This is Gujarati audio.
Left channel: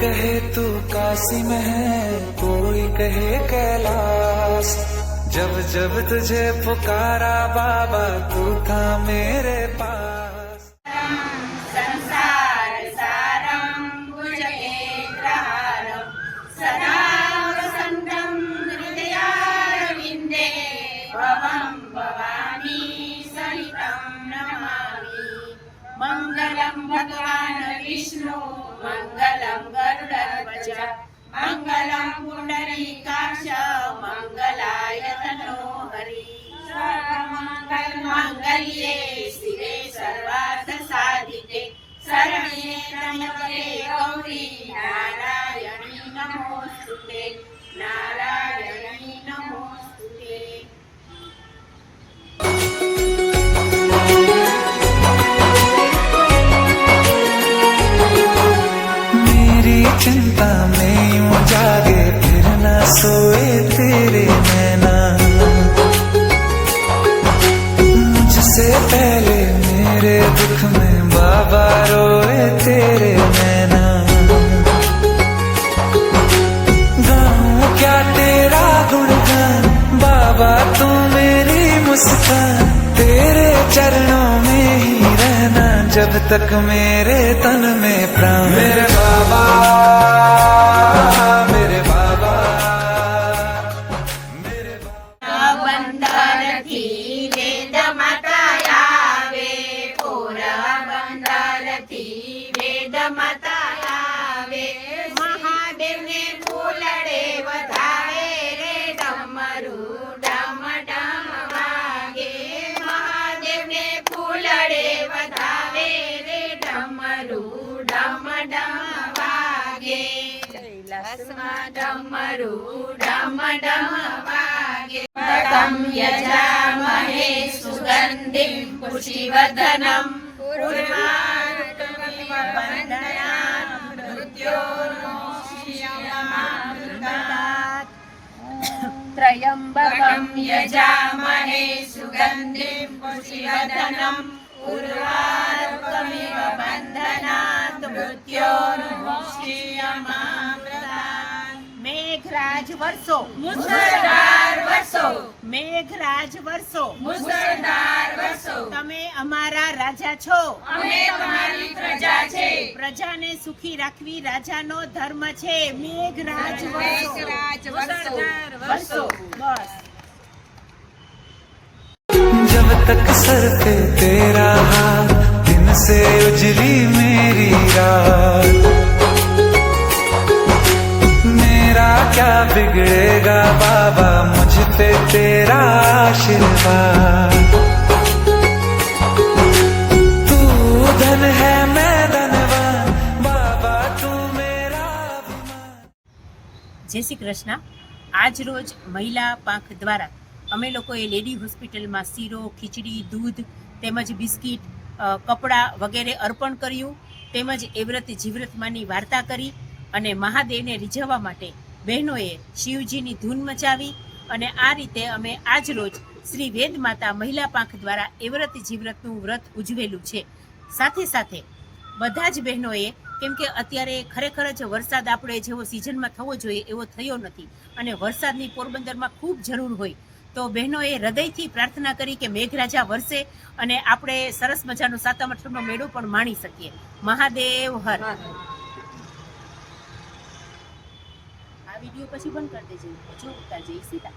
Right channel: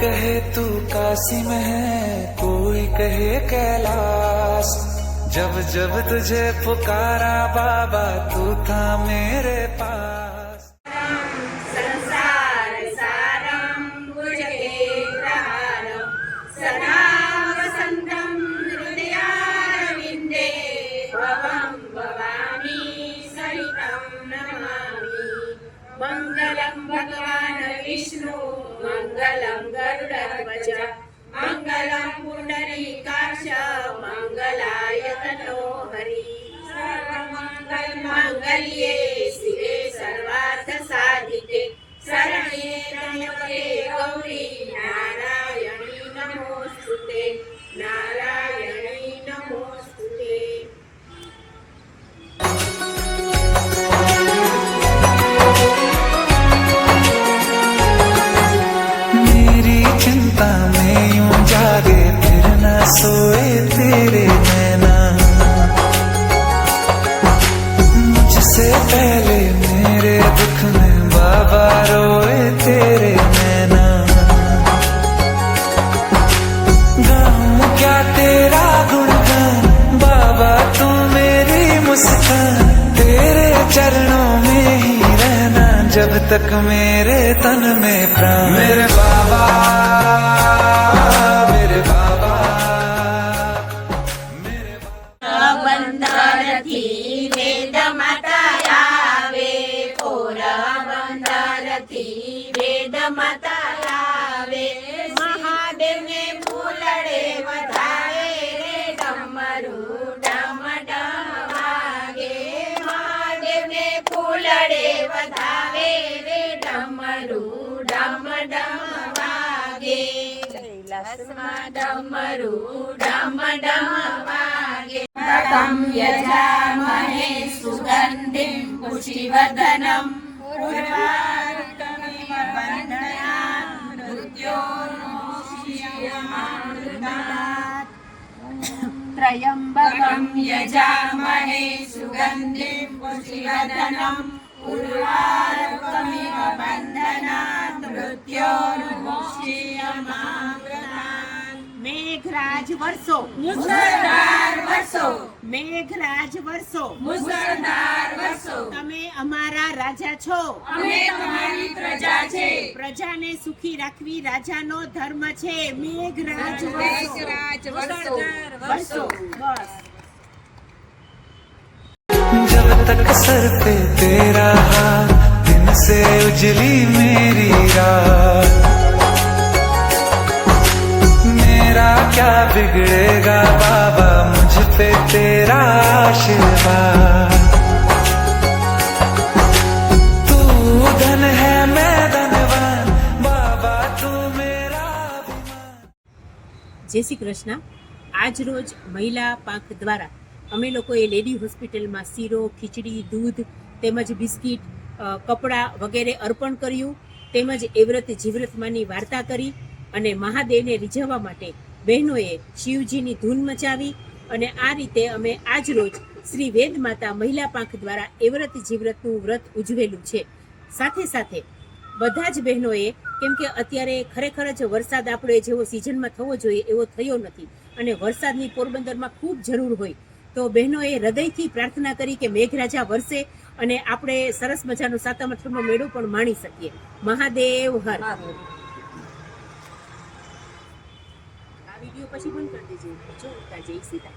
कहे तू काशी में है, कोई कहे कैलाश। जब जब तुझे पुकारा बाबा, तू था मेरे पास। संसार सारं भुजगेन्द्रहारं सदा वसन्तं हृदयारविन्दे भवं भवामि सहितं नमामि। मङ्गलं भगवान् विष्णु मङ्गलं गरुडध्वज मङ्गलं पुण्डरीकाक्ष मङ्गलाय तनो हरि। सर्वमङ्गलमाङ्गल्ये शिवे सर्वार्थ साधिके शरण्ये त्र्यम्बके गौरी नारायणी नमोस्तुते नारायणी नमोस्तुते। मेरी चिंता में यूं जागे फिर न सोए तेरे नैना, मुझसे पहले मेरे दुख में बाबा रोए तेरे नैना। गाऊं क्या तेरा गुणगान बाबा, तू मेरी मुस्कान। तेरे चरणों में ही रहना जब तक मेरे तन में प्राण। मेरे बाबा मेरे बाबा मेरे बाबा। બંધારથી વેદ માતા આવે, પોરબંદરથી વેદ માતા આવે। મહાદેવને ફૂલડે વધારે રે ડમરુ ડમ ડમ વાગે। મહાદેવને ફૂલડે વધારે રે ડમરુ ડમ ડમ વાગે। કૈલાસમાં ડમરુ ડમ ડમ વાગે। તમ યજામહે સુગંધિં પુષ્ટિવર્ધનં ઉર્વારુકમિવ બંધનાत् મૃત્યોર્મુક્ષીયમામૃતાत्। ત્રયંબકં યજામહે સુગંધિં પુષ્ટિવર્ધનં ઉર્વારુકમિવ બંધનાत् મૃત્યોર્મુક્ષીયમામૃતાत्। મેઘરાજ વર્ષો મુસળધાર વર્ષો, મેઘરાજ વર્ષો મુસળધાર વર્ષો। તમે અમારા રાજા છો, અમે તમારી પ્રજા છે। પ્રજાને સુખી રાખવી રાજાનો ધર્મ છે। મેઘરાજ વર્ષો વર્ષો બસ। जब तक सर पे तेरा हाथ, दिन से उजली मेरी रात। मेरा क्या बिगड़ेगा बाबा, मुझ पे तेरा आशीर्वाद। तू धन है मैं धनवान बाबा, तू मेरा अभिमान। જય શ્રી કૃષ્ણ। આજ રોજ મહિલા પાંખ દ્વારા અમે લોકોએ લેડી હોસ્પિટલમાં શીરો, ખીચડી, દૂધ તેમજ બિસ્કિટ, કપડાં વગેરે અર્પણ કર્યું, તેમજ એવ્રત જીવ્રતમાંની વાર્તા કરી અને મહાદેવને રીઝવવા માટે બહેનોએ શિવજીની ધૂન મચાવી। અને આ રીતે અમે આજ રોજ શ્રી વેદ માતા મહિલા પાંખ દ્વારા એવ્રત જીવ્રતનું વ્રત ઉજવેલું છે। સાથે સાથે બધા જ બહેનોએ, કેમ કે અત્યારે ખરેખર જ વરસાદ આપણે જેવો સિઝનમાં થવો જોઈએ એવો થયો નથી અને વરસાદની પોરબંદરમાં ખૂબ જરૂર હોય, તો બહેનોએ હૃદયથી પ્રાર્થના કરી કે મેઘરાજા વરસે અને આપણે સરસ મજાનો સાતમ આઠમનો મેળો પણ માણી શકીએ। મહાદેવ હર। આ વિડીયો પછી બંધ કરી દેજો, જો જય સીતા।